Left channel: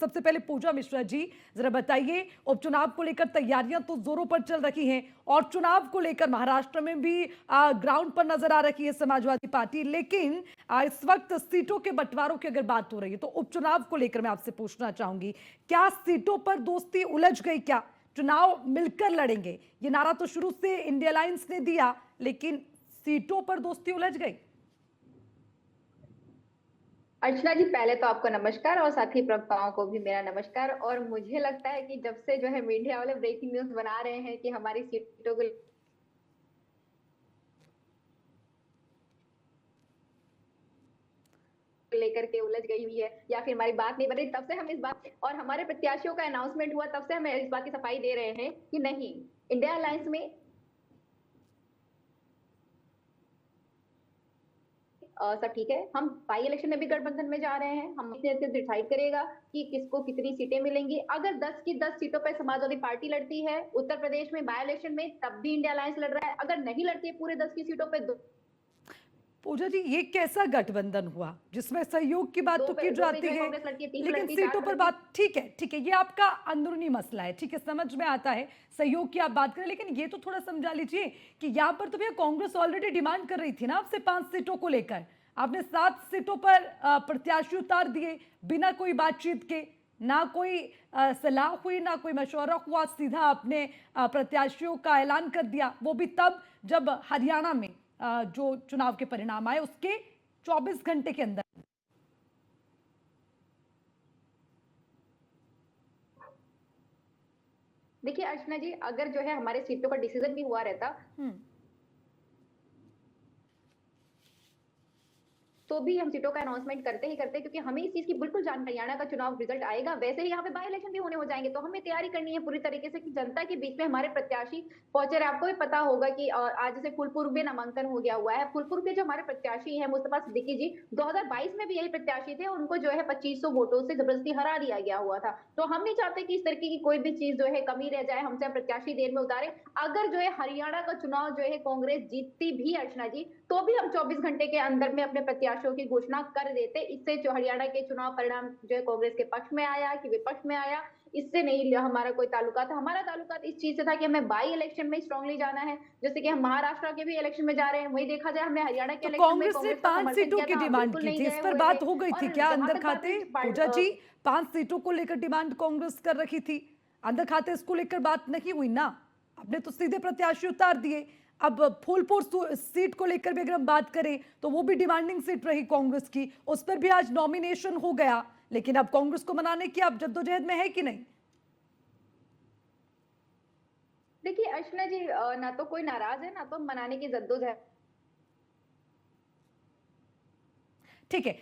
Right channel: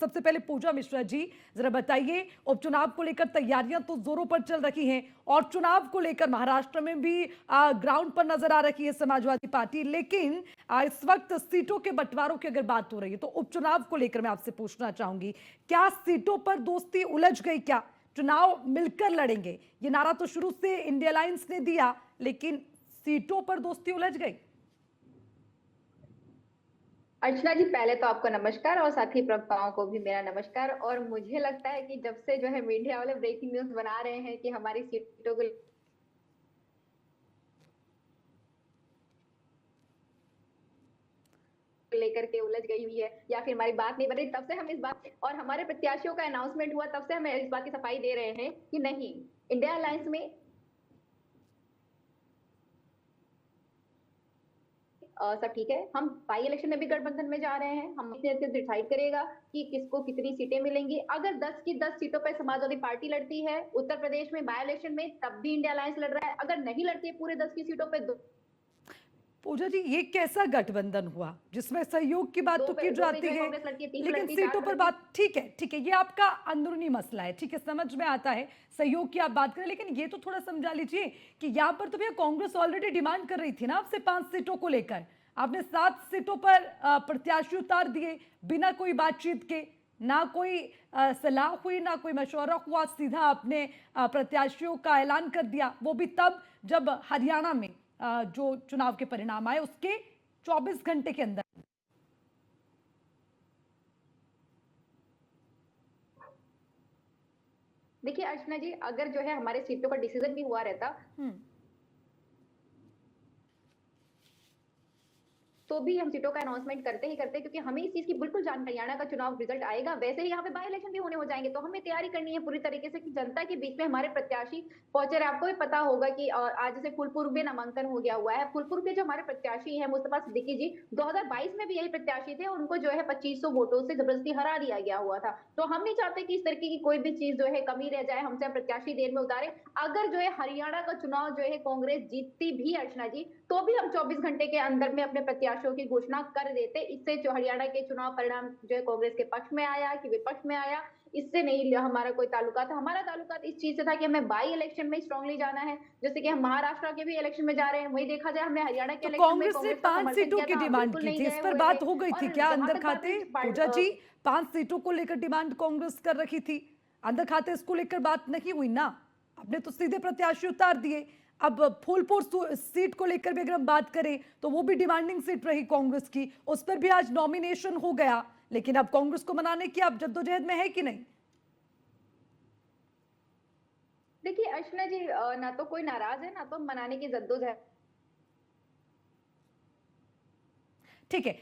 सबसे पहले पूजा मिश्रा जी, जरा बताइए, उपचुनाव को लेकर तैयारियां तो जोरों पर चल रही हैं और चुनाव को लेकर महाराष्ट्र में भी ग्राउंड पर नजर आ रही है समाजवादी पार्टी, लेकिन इस वक्त सीटों के बंटवारों की अगर बात हो रही है तो उपचुनाव को लेकर मैं आपसे पूछना चाहूंगी, क्या सीटों पर दोस्ती उलझ गई? क्या चुनाव मिलकर लड़ेंगे, ये नारा तो शुरू से इंडिया अलायंस ने दिया, लेकिन सीटों पर दोस्ती उलझ गई? अर्चना जी, पहले तो आपको नमस्कार और साथी प्रवक्ताओं को भी मेरा नमस्कार। और मुझे लगता है कि जब से जो है मीडिया वाले ब्रेकिंग न्यूज बना रहे हैं कि हमारी सीटों को लेकर के उलझ गई हुई है या फिर हमारी बात नहीं बन रही, तब से हम इस बात और हमारे प्रत्याशियों का अनाउंसमेंट हुआ तब से हम इस बात की सफाई दे रहे हैं कि नहीं, इंडिया अलायंस में सब ठीक है। हम बाई इलेक्शन में भी गठबंधन में जा रहे हैं। हम डिसाइड करेगा कि किसको कितनी सीटें मिलेंगी। अगर 10 की 10 सीटों पर समाजवादी पार्टी लड़ती है उत्तर प्रदेश में बाई इलेक्शन में, तब भी इंडिया अलायंस लड़ रहा है। अगर नहीं लड़ती है पूरे 10 की सीटों पर, पूजा जी, ये कैसा गठबंधन हुआ जिसमें सहयोग की बात दो तो पे की दो पे जाती जो है है, कांग्रेस लड़ती है, 3 पे लेकिन लड़ती है, 4 सीटों पे पर लड़ती है। बात? ठीक है, ठीक है, ये आपका अंदरूनी मसला है, ठीक है, समझ में आता है, सहयोग की आप बात करें, लेकिन ये तो थोड़ा समझा लीजिए कि यहाँ पर तो भैया कांग्रेस ऑलरेडी डिमांड कर रही थी ना आपसे 5 सीटों को लेकर। आपने 7 सीटों पर प्रत्याशी उतार दिए बिना कोई बातचीत के, ना कोई सलाह हुई, ना कोई मशवरा हुआ, सीधा आपने प्रत्याशियों का ऐलान कर दिया, वो भी तब जब हरियाणा में जो चुनाव के परिणाम आए उसके 24 घंटे के अंदर। देखिए अर्चना जी, अगर जो है हमारे सीटों का डिसीजन भी हुआ रहता हम्म। तो भी हम सीटों का अनाउंसमेंट करते ही करते, क्योंकि हमें इस चीज की बिल्कुल जानकारी, हरियाणा का चुनाव रिजल्ट आएगा वैसे ही यहाँ पे बाई इलेक्शन भी होने हो जाएंगे, तो हमें तैयारी करनी है पूरी तरीके से कि जनता के बीच में हमारे प्रत्याशी पहुंचे रहे। आपको भी पता होगा कि आज जैसे फूलपुर में नामांकन हो गया हुआ है। फूलपुर के जो हमारे प्रत्याशी है मुस्तफा सिद्दीकी जी, 2022 में भी यही प्रत्याशी थे, उनको जो है 2500 वोटों से जबरदस्ती हरा दिया गया हुआ था। तो हम नहीं चाहते कि इस तरीके की कोई भी चीज जो है कमी रह जाए, हमसे प्रत्याशी देर में उतारे। अगर जो है हरियाणा का चुनाव जो है कांग्रेस जीतती भी अर्चना जी, तो भी हम 24 घंटे के अंदर में अपने प्रत्याशियों की घोषणा कर देते। इससे जो हरियाणा के चुनाव परिणाम जो है कांग्रेस के पक्ष में आया कि विपक्ष में आया, इससे नहीं हमारा कोई ताल्लुका था। हमारा ताल्लुका इस चीज से था कि हमें बाई इलेक्शन में स्ट्रांगली जाना है। जैसे कि हम महाराष्ट्र के भी इलेक्शन में जा रहे हैं, वही देखा जाए हमने हरियाणा के तो इलेक्शन में कांग्रेस ने कांग्रेस का पांच समर्थन सीटों किया की था, हम डिमांड बिल्कुल की नहीं थी, इस गए पर हुए थे। बात हो गई थी और क्या जहां अंदर तक बात खाते? पूजा हुई जी, 5 सीटों को लेकर डिमांड कांग्रेस कर रखी थी, अंदर खाते इसको लेकर बात नहीं हुई ना? आपने तो सीधे प्रत्याशी उतार दिए। अब फूलपुर सीट को लेकर भी अगर हम बात करें तो वो भी डिमांडिंग सीट रही कांग्रेस की, उस पर भी आज नॉमिनेशन हो गया, लेकिन अब कांग्रेस को मनाने की आप जद्दोजहद में है कि नहीं? देखिए अर्चना जी, ना तो कोई नाराज है ना तो मनाने की जद्दोजहद। ठीक है।